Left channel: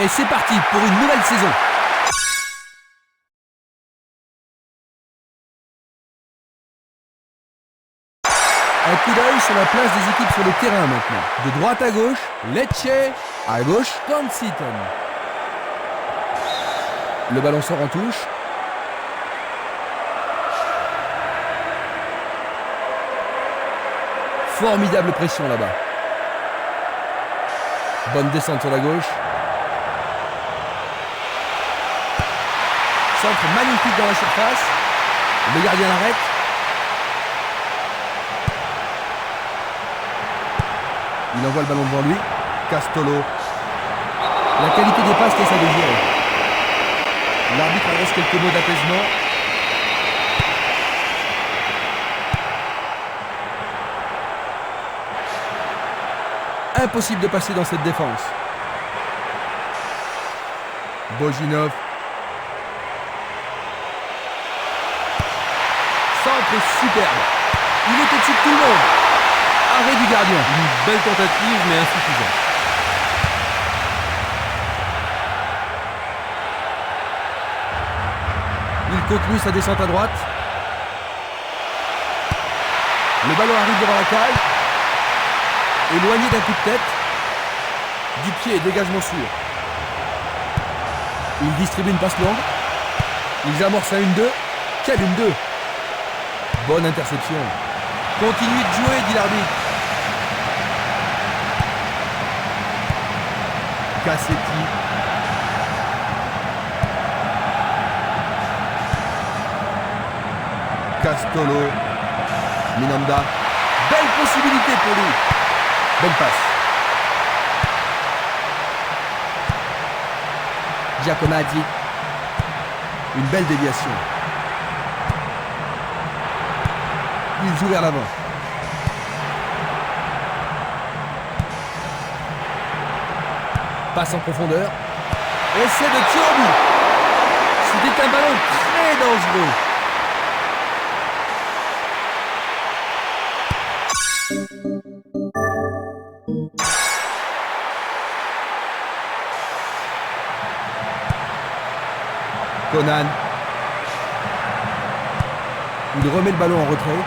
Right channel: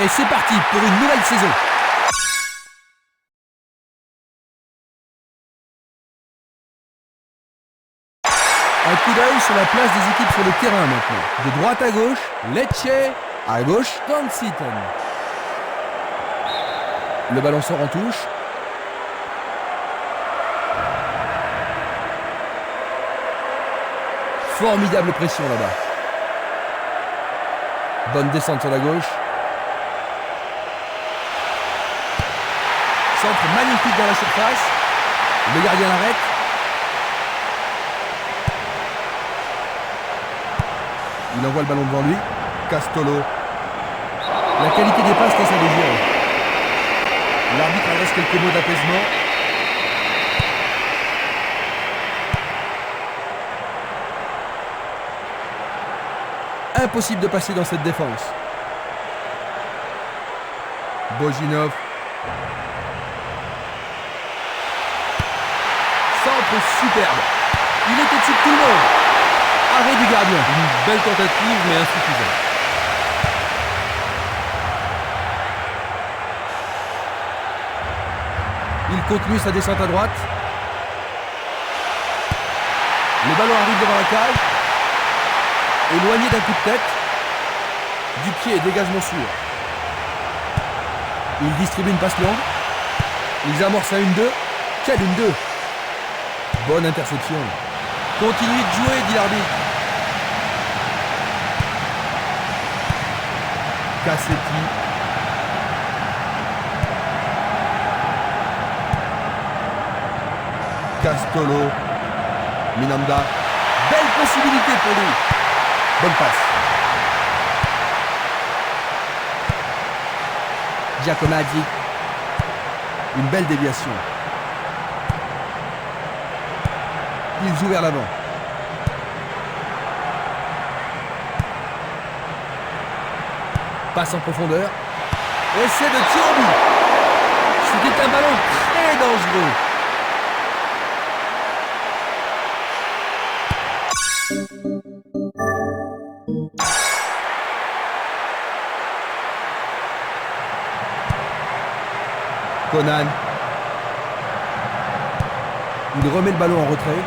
Et c'est parti pour une nouvelle saison. Un coup d'œil sur la place des équipes sur le terrain maintenant. De droite à gauche, Lecce. À gauche, Conciton. Le ballon sort en touche. Formidable pression là-bas. Bonne descente sur la gauche. Centre magnifique dans la surface. Le gardien l'arrête. Il envoie le ballon devant lui. Castolo. La qualité des passes laisse à désirer. L'arbitre adresse quelques mots d'apaisement. Impossible de passer dans cette défense. Bojinov. Centre superbe. Il est au-dessus de tout le monde. Arrêt du gardien. Une belle tentative mais insuffisante. Il continue sa descente à droite. Le ballon arrive devant la cage. Éloigné d'un coup de tête. Du pied, dégagement sûr. Il distribue une passe longue. Ils amorcent un 1-2. Quel 1-2. Bonne interception. Continuez de jouer, dit l'arbitre. Cassetti. Castolo. Minanda. Belle possibilité pour lui. Bonne passe. Giacometti. Une belle déviation. Il joue vers l'avant. Passe en profondeur. Essai de tir au but. C'était un ballon très dangereux. Conan. Il remet le ballon en retrait.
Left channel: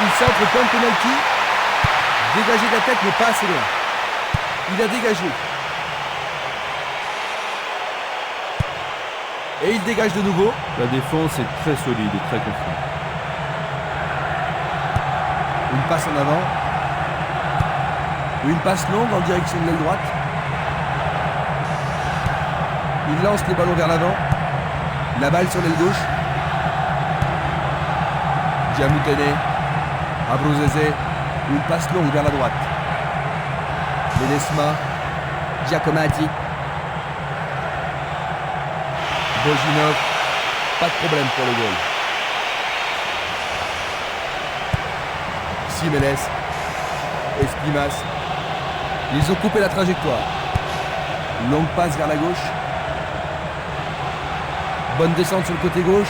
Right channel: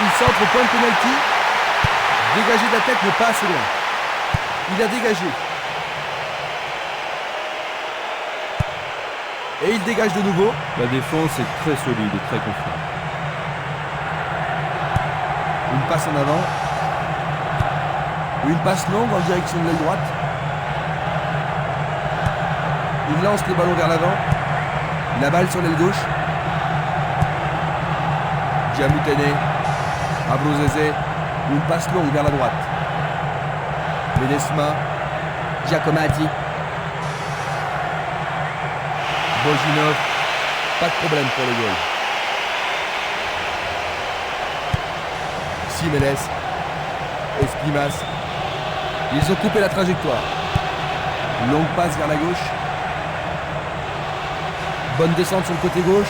Il centre au point de pénalty. Dégagé de la tête, mais pas assez loin. Il a dégagé. Et il dégage de nouveau. La défense est très solide et très constante. Une passe en avant. Ou une passe longue en direction de l'aile droite. Il lance le ballon vers l'avant. La balle sur l'aile gauche. Diamutene. Abruzese. Une passe longue vers la droite. Ledesma. Giacometti. Bojinov. Pas de problème pour le goal. Simeles. Espimas. Ils ont coupé la trajectoire. Longue passe vers la gauche. Bonne descente sur le côté gauche.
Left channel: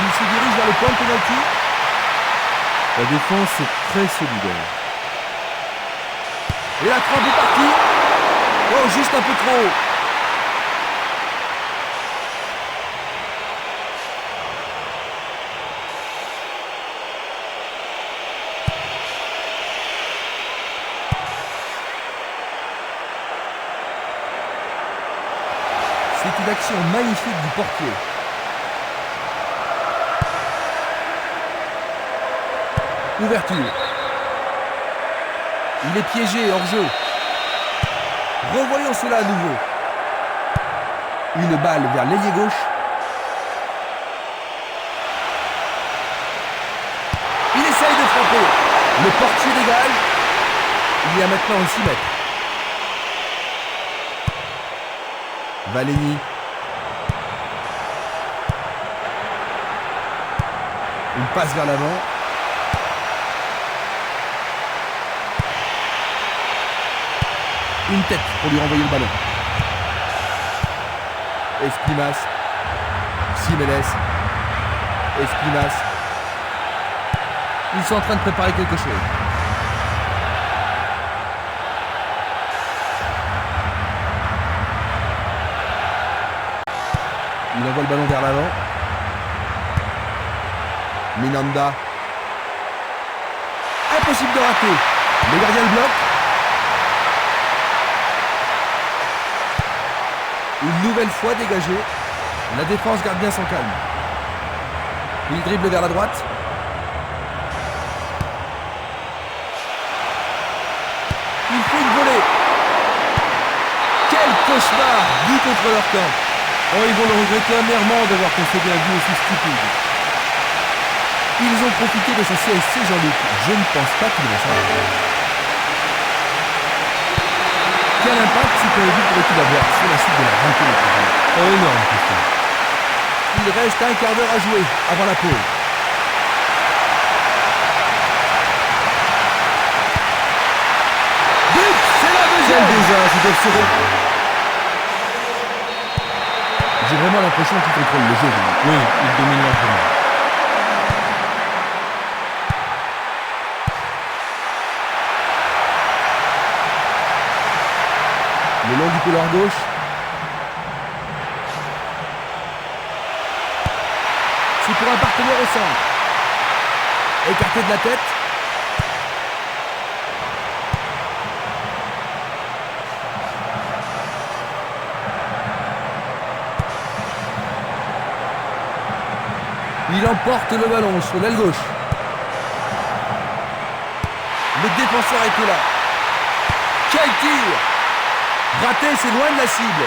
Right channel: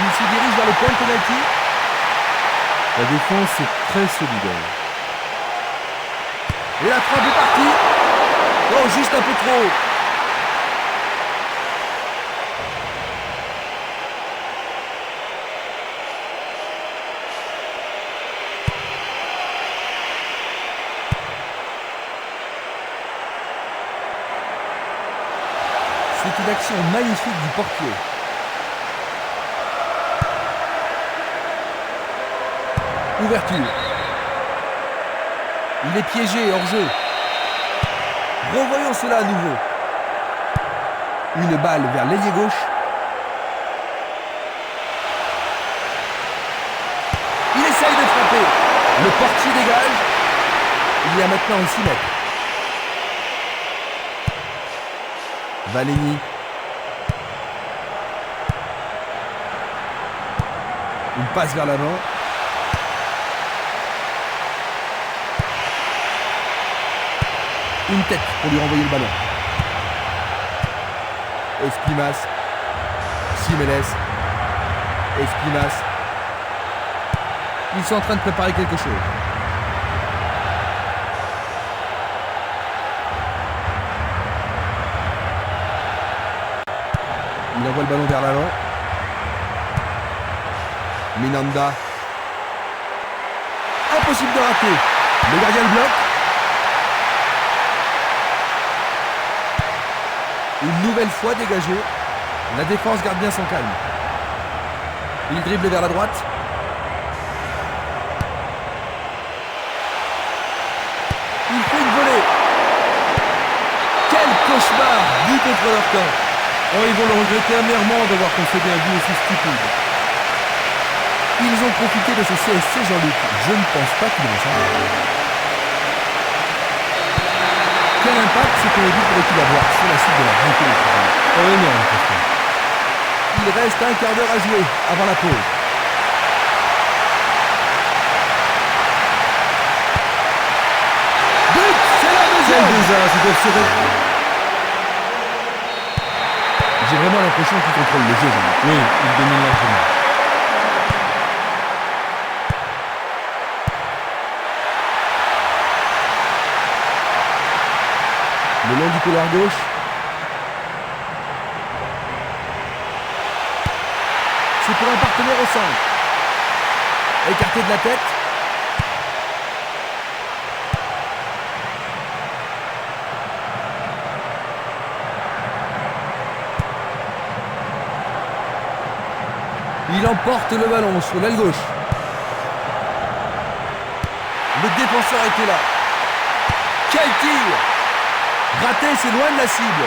Il se dirige vers le point de pénalty. La défense est très solidaire. Et la frappe est partie. Oh, juste un peu trop haut. C'est une action magnifique du portier. Ouverture. Il est piégé hors jeu. Revoyons cela à nouveau. Une balle vers l'ailier gauche. Il essaye de frapper. Le portier dégage. Il y a maintenant un 6 mètres. Valeni. Une passe vers l'avant. Une tête pour lui renvoyer le ballon. Espimas. Simeles. Espimas. Ils sont en train de préparer quelque chose. Il envoie le ballon vers l'avant. Minanda. Impossible de rater. Le gardien le bloque. Une nouvelle fois dégagé. La défense garde bien son calme. Il dribble vers la droite. Il fait une volée. Quel cauchemar! But contre leur camp. Oh, ils vont le regretter amèrement d'avoir concédé un but aussi stupide. Ils ont profité de ce CSC, Jean-Luc. Je ne pense pas qu'ils vont s'en. Quel impact ce premier but pourrait-il avoir sur la suite de la rencontre? Oh, énorme, Christian. Il reste un quart d'heure à jouer avant la pause. But! C'est la Quel deuxième! désastre, ils doivent se J'ai vraiment l'impression qu'il contrôle le jeu, Jean-Luc. Oui, ils dominent largement. Le long du couloir gauche. C'est pour un partenaire au centre. Écarté de la tête. Il emporte le ballon sur l'aile gauche. Le défenseur était là. Quel tir! Raté, c'est loin de la cible.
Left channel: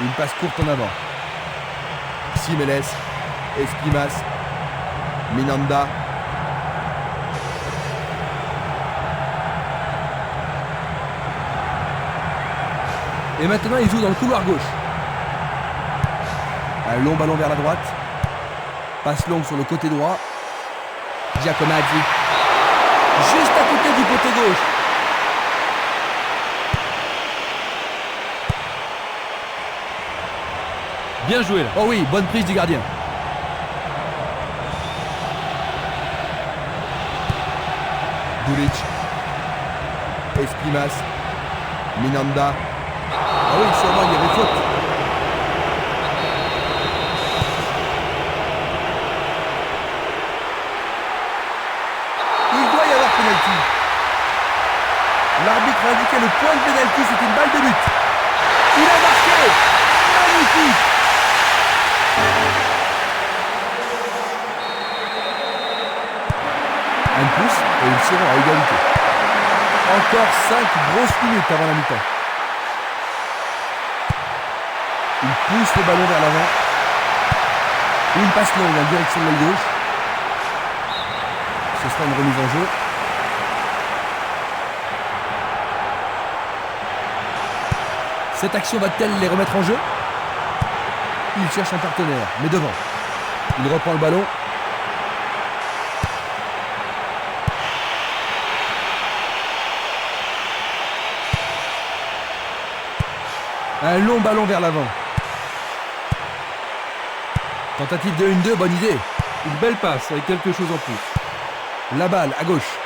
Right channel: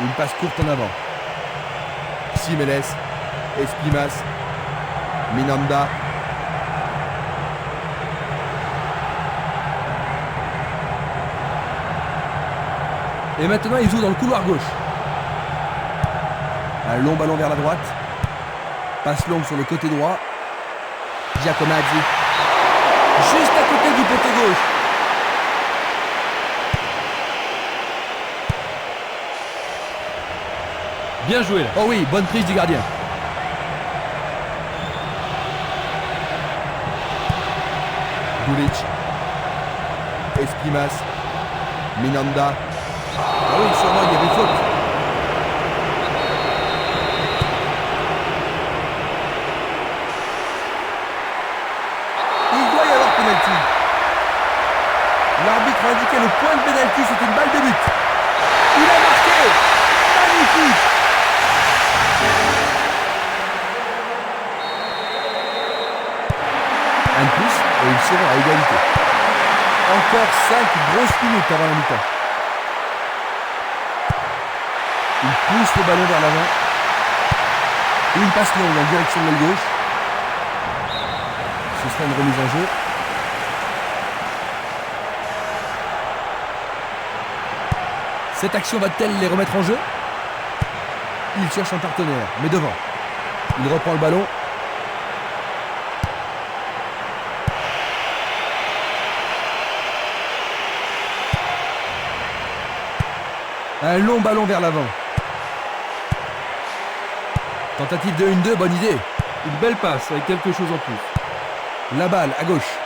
Une passe courte en avant. Simeles, Espimas, Minanda. Et maintenant, il joue dans le couloir gauche. Un long ballon vers la droite. Passe longue sur le côté droit. Giacomazzi. Juste à côté du poteau gauche. Bien joué là. Oh oui, bonne prise du gardien. Dulic. Espimas. Minanda. Ah oui, sûrement il y avait faute. Il doit y avoir pénalty. L'arbitre a indiqué le point de pénalty, c'était une balle de but. Il a marqué. Magnifique. Un de plus et ils seront à égalité. Encore 5 grosses minutes avant la mi-temps. Il pousse le ballon vers l'avant. Une passe longue en direction de l'aile gauche. Ce sera une remise en jeu. Cette action va-t-elle les remettre en jeu? Il cherche un partenaire, mais devant. Il reprend le ballon. Un long ballon vers l'avant. Tentative de 1-2, bonne idée. Une belle passe avec quelque chose en plus. La balle à gauche.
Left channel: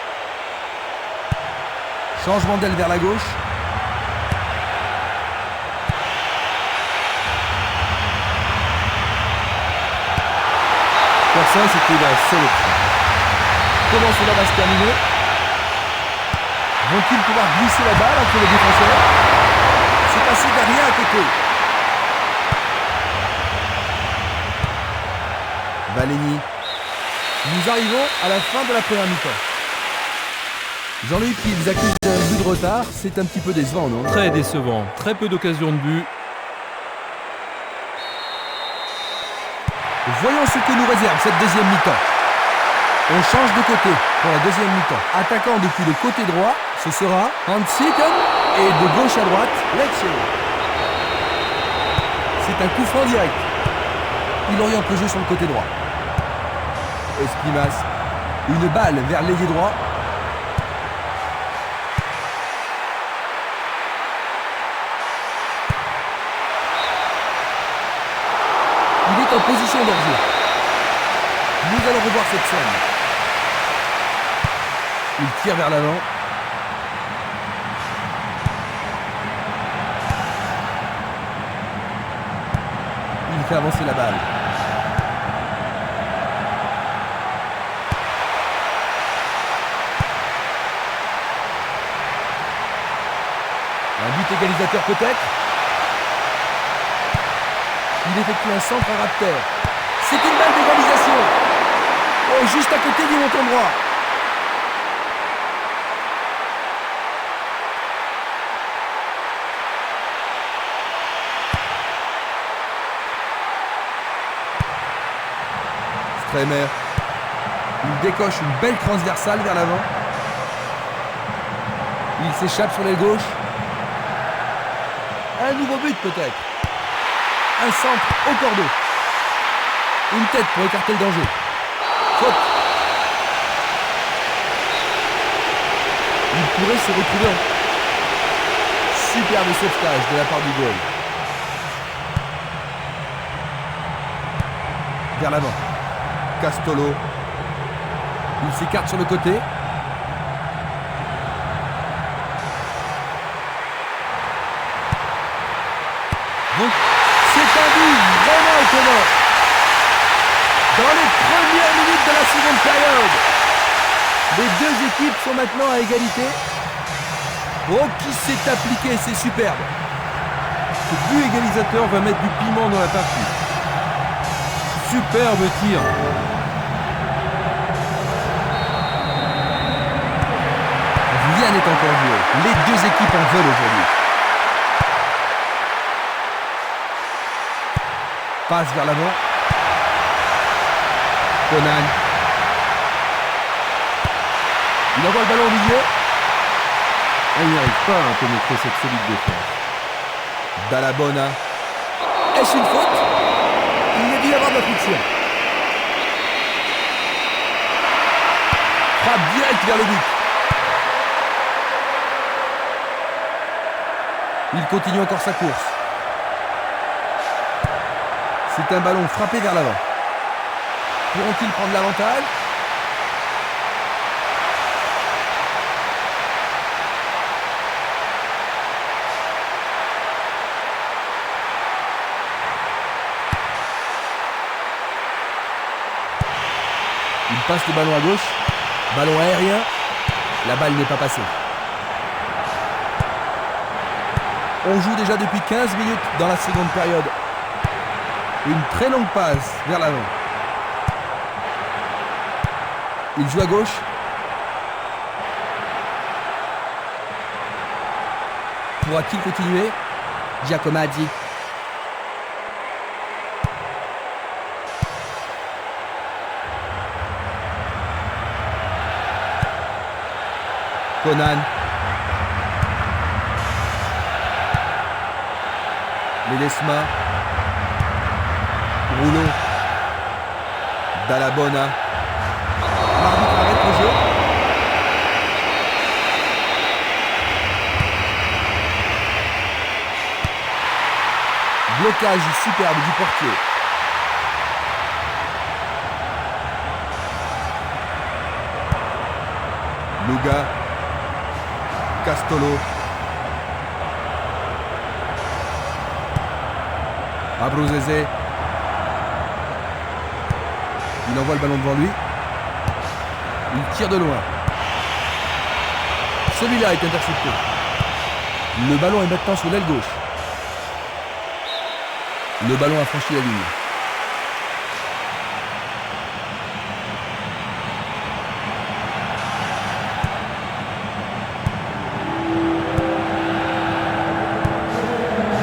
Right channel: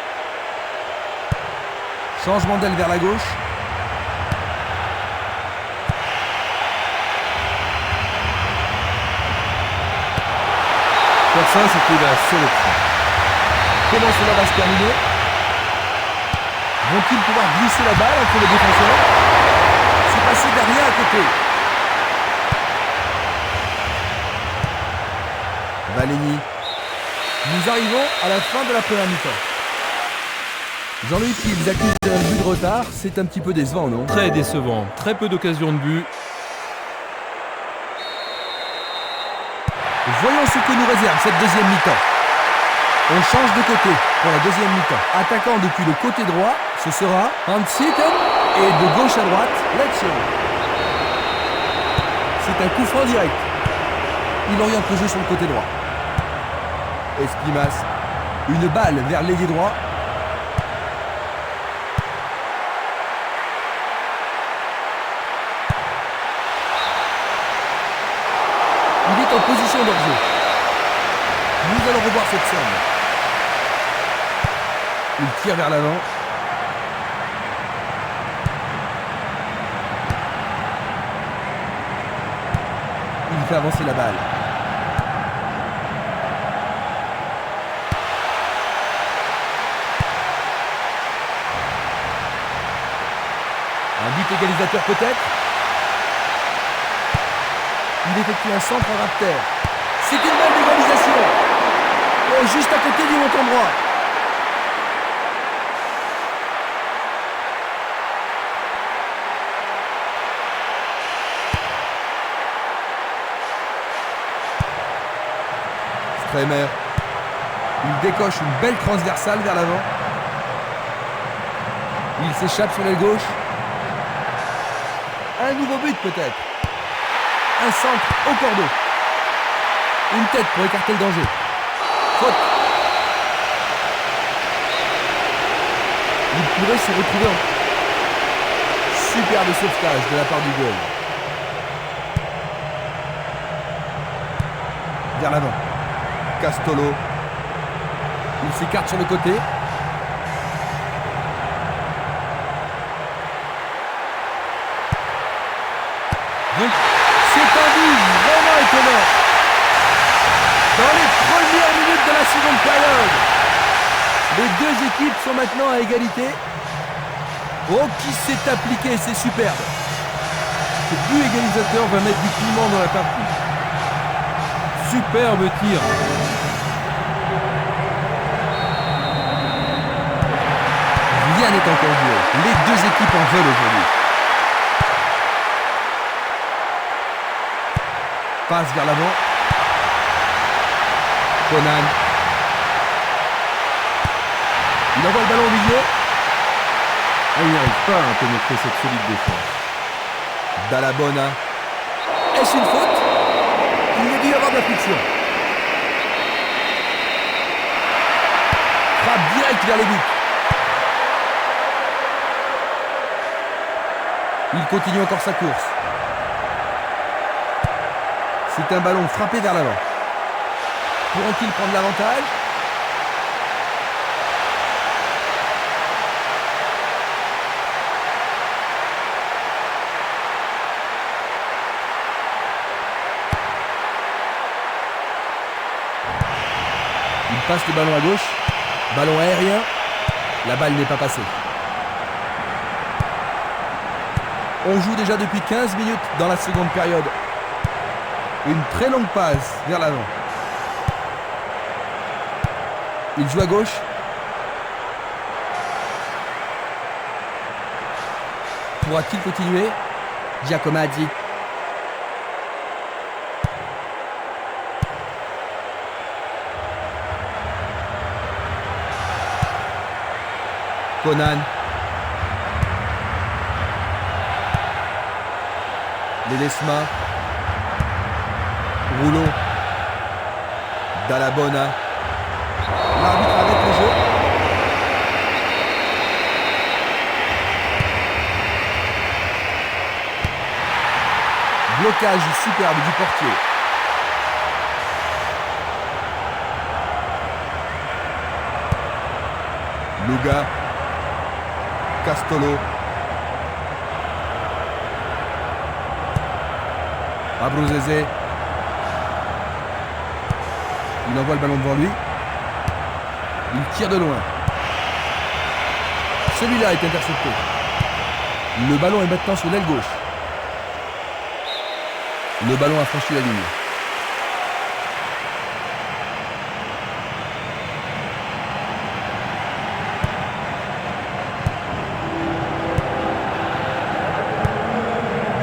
Changement d'aile vers la gauche. Faire ça, c'était la seule option. Comment cela va se terminer? Vont-ils pouvoir glisser la balle entre les défenseurs? C'est passé derrière à côté. Valény. Nous arrivons à la fin de la première mi-temps. Jean-Luc, ils accusent un but de retard. C'est un petit peu décevant, non? Très décevant. Très peu d'occasions de but. Voyons ce que nous réserve cette deuxième mi-temps. On change de côté pour la deuxième mi-temps. Attaquant depuis le côté droit, ce sera Hansiken. Et de gauche à droite, Lecce. C'est un coup franc direct. Il oriente le jeu sur le côté droit. Espimas. Une balle vers l'ailier droit. Il est en position d'hors-jeu. Nous allons revoir cette scène. Il tire vers l'avant. Il fait avancer la balle. Un but égalisateur peut-être. Il effectue un centre à ras de terre. C'est une balle d'égalisation. Oh, juste à côté du montant droit. Stremer. Il décoche une belle transversale vers l'avant. Il s'échappe sur l'aile gauche. Un nouveau but peut-être. Un centre au cordeau. Une tête pour écarter le danger. Faute. Il pourrait se retrouver en... Superbe sauvetage de la part du goal. Vers l'avant. Castolo. Il s'écarte sur le côté. Donc, c'est un but vraiment étonnant. Dans les premières minutes de la seconde période, les deux équipes sont maintenant à égalité. Oh, qui s'est appliqué, c'est superbe. Ce but égalisateur va mettre du piment dans la partie. Superbe tir. Rien n'est encore joué. Les deux équipes en veulent aujourd'hui. Passe vers l'avant. Conan. Il envoie le ballon au milieu. Il n'arrive pas à pénétrer cette solide défense. Dallabona. Est-ce une faute? Il y a dû y avoir de la friction. Frappe direct vers le but. Il continue encore sa course. C'est un ballon frappé vers l'avant. Pourront-ils prendre l'avantage? Il passe le ballon à gauche. Ballon aérien. La balle n'est pas passée. On joue déjà depuis 15 minutes dans la seconde période. Une très longue passe vers l'avant. Il joue à gauche. Pourra-t-il continuer? Giacomazzi. Conan. Ledesma. Rouleau. Dallabona. L'arbitre arrête le jeu. Blocage superbe du portier. Luga. Castolo. Abruzzese. Il envoie le ballon devant lui. Il tire de loin. Celui-là est intercepté. Le ballon est maintenant sur l'aile gauche. Le ballon a franchi la ligne.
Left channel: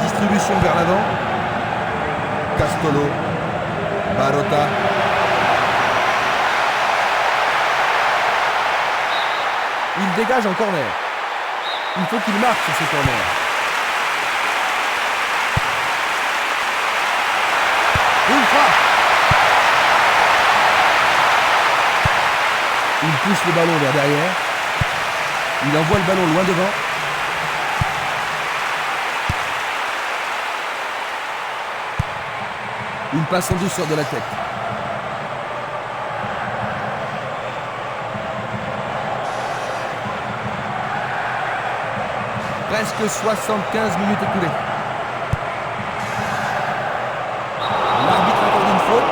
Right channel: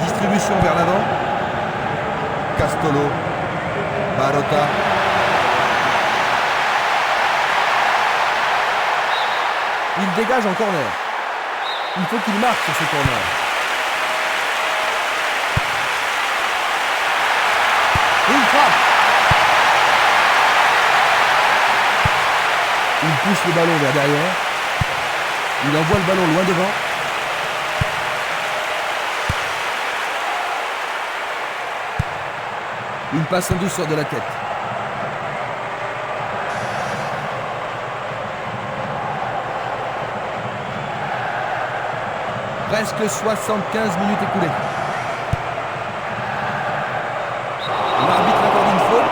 Distribution vers l'avant. Castolo. Barota. Il dégage en corner. Il faut qu'il marque sur ce corner. Une frappe. Il pousse le ballon vers derrière. Il envoie le ballon loin devant. Une passe en douceur de la tête. Presque 75 minutes écoulées. L'arbitre accorde une faute.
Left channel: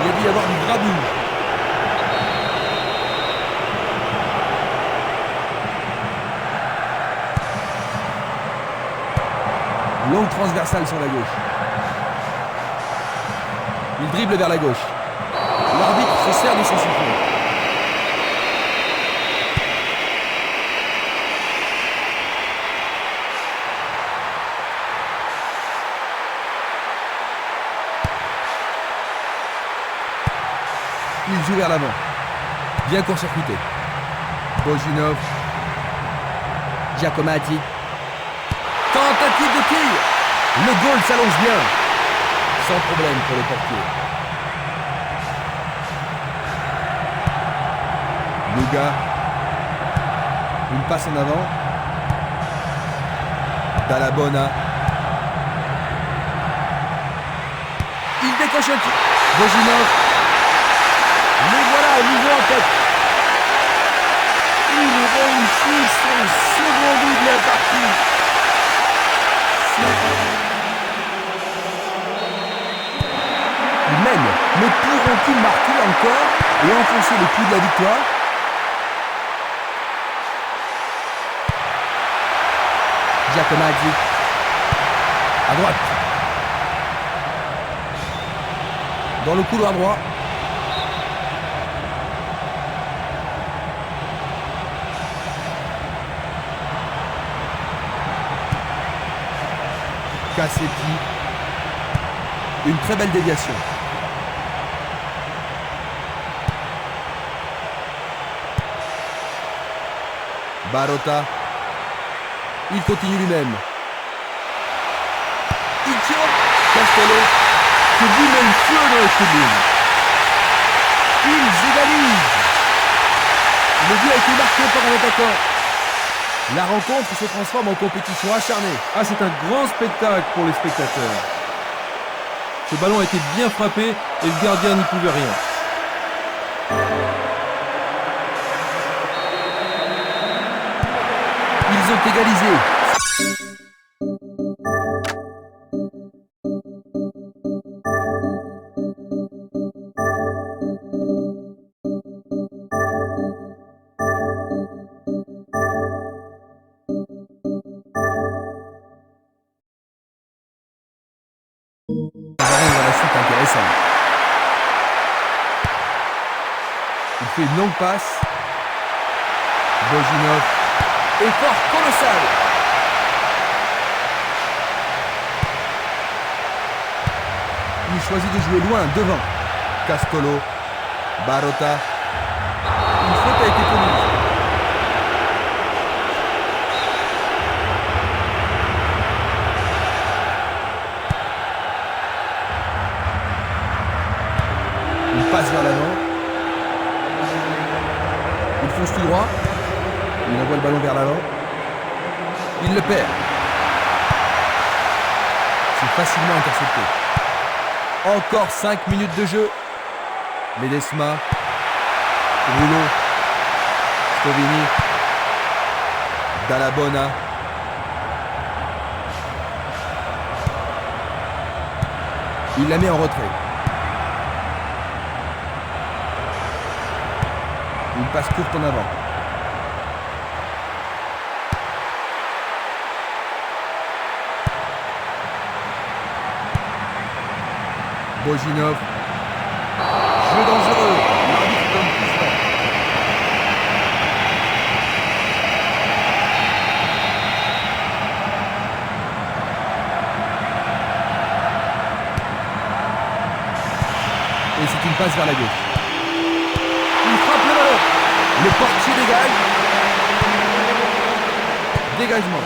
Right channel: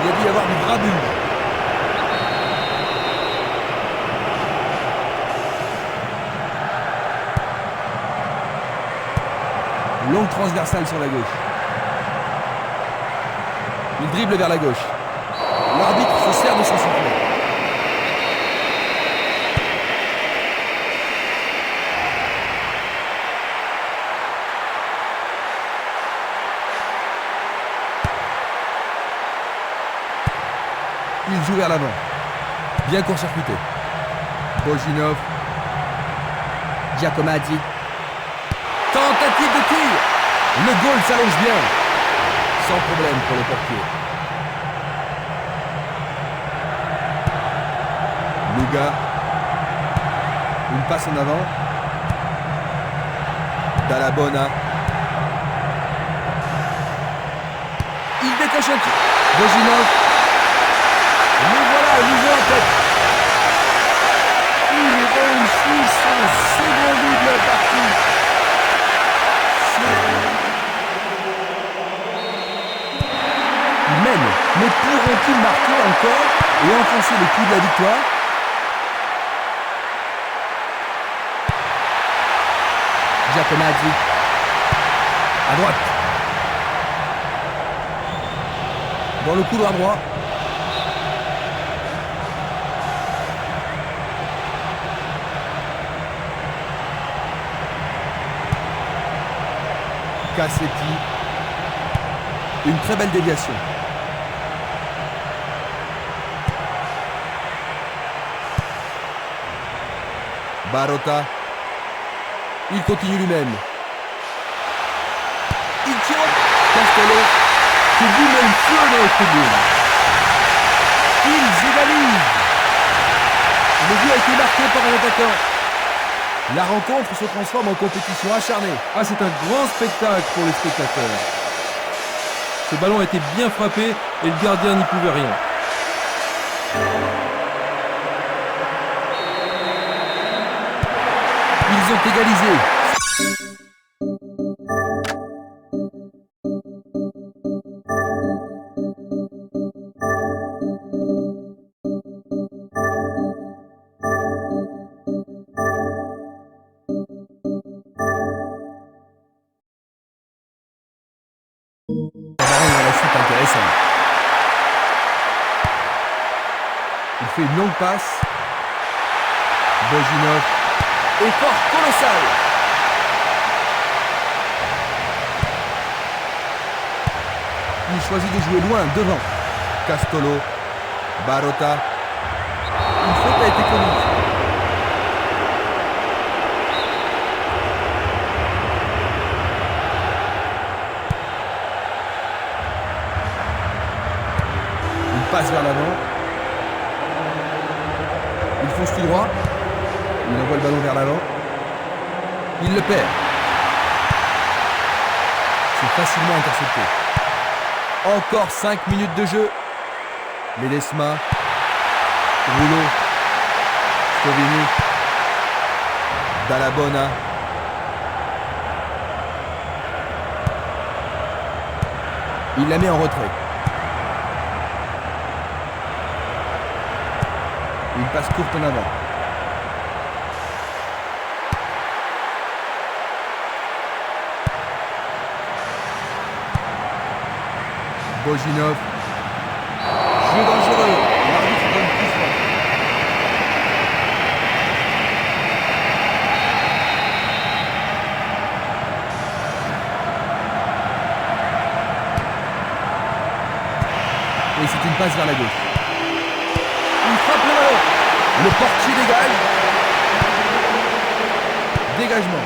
Il y a dû y avoir du grabuge. Longue transversale sur la gauche. Il dribble vers la gauche. L'arbitre se sert de son sifflet. Il joue vers l'avant. Bien court-circuité. Bojinov. Giacomaddi. Tentative de tir. Le goal s'allonge bien. Sans problème pour le portier. Luga. Une passe en avant. Dallabona. Il décoche un tir. Bojinov. Le voilà à nouveau en tête. Il réussit son second but de la partie. Il mène, mais pourront-ils marquer encore et enfoncer le coup de la victoire? Giacomaddi. À droite. Dans le couloir droit. Cassetti. Une très belle déviation. Barotta. Il continue lui-même. Il tire. Castolo. Que but magnifique dans le tribune. Ils égalisent. Le but a été marqué par un attaquant. La rencontre se transforme en compétition acharnée. Ah, c'est un grand spectacle pour les spectateurs. Ce ballon a été bien frappé et le gardien n'y pouvait rien. Ils ont égalisé. Ça va rendre la suite intéressante. Il fait une longue passe. Bojinov. Effort colossal. Il choisit de jouer loin, devant. Castolo. Barotta. Une faute a été commise. Il passe vers l'avant. Il fonce tout droit. Il envoie le ballon vers l'avant. Il le perd. C'est facilement intercepté. Encore 5 minutes de jeu. Ledesma. Rouleau. Stovini. Dallabona. Il la met en retrait. Une passe courte en avant. Bojinov. Jeu dangereux. L'arbitre donne coup franc. Et c'est une passe vers la gauche. Il frappe le ballon. Le portier dégage. Dégagement.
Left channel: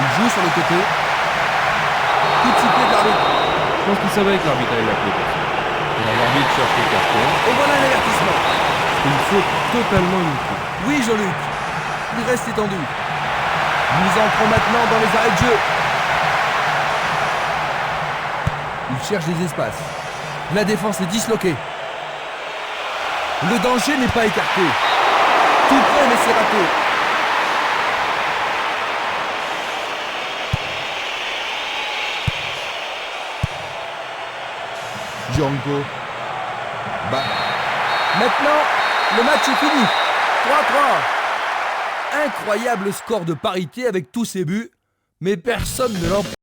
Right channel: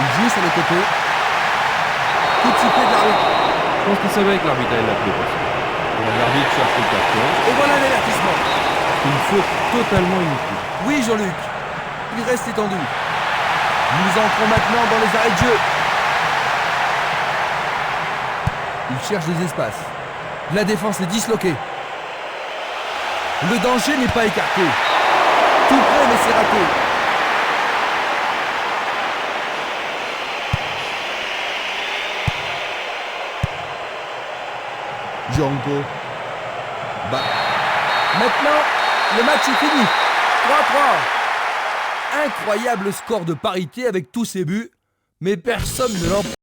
Il joue sur le côté. Coup de sifflet de l'arbitre. Je pense qu'il savait que l'arbitre allait l'appeler pour ça. Et là, l'arbitre cherche le carton. Et voilà un avertissement. Une faute totalement inutile. Oui, Jean-Luc. Il reste étendu. Nous entrons maintenant dans les arrêts de jeu. Il cherche des espaces. La défense est disloquée. Le danger n'est pas écarté. Tout près, mais c'est raté. Django. Bah. Maintenant, le match est fini. 3-3. Incroyable score de parité avec tous ces buts, mais personne ne l'emporte.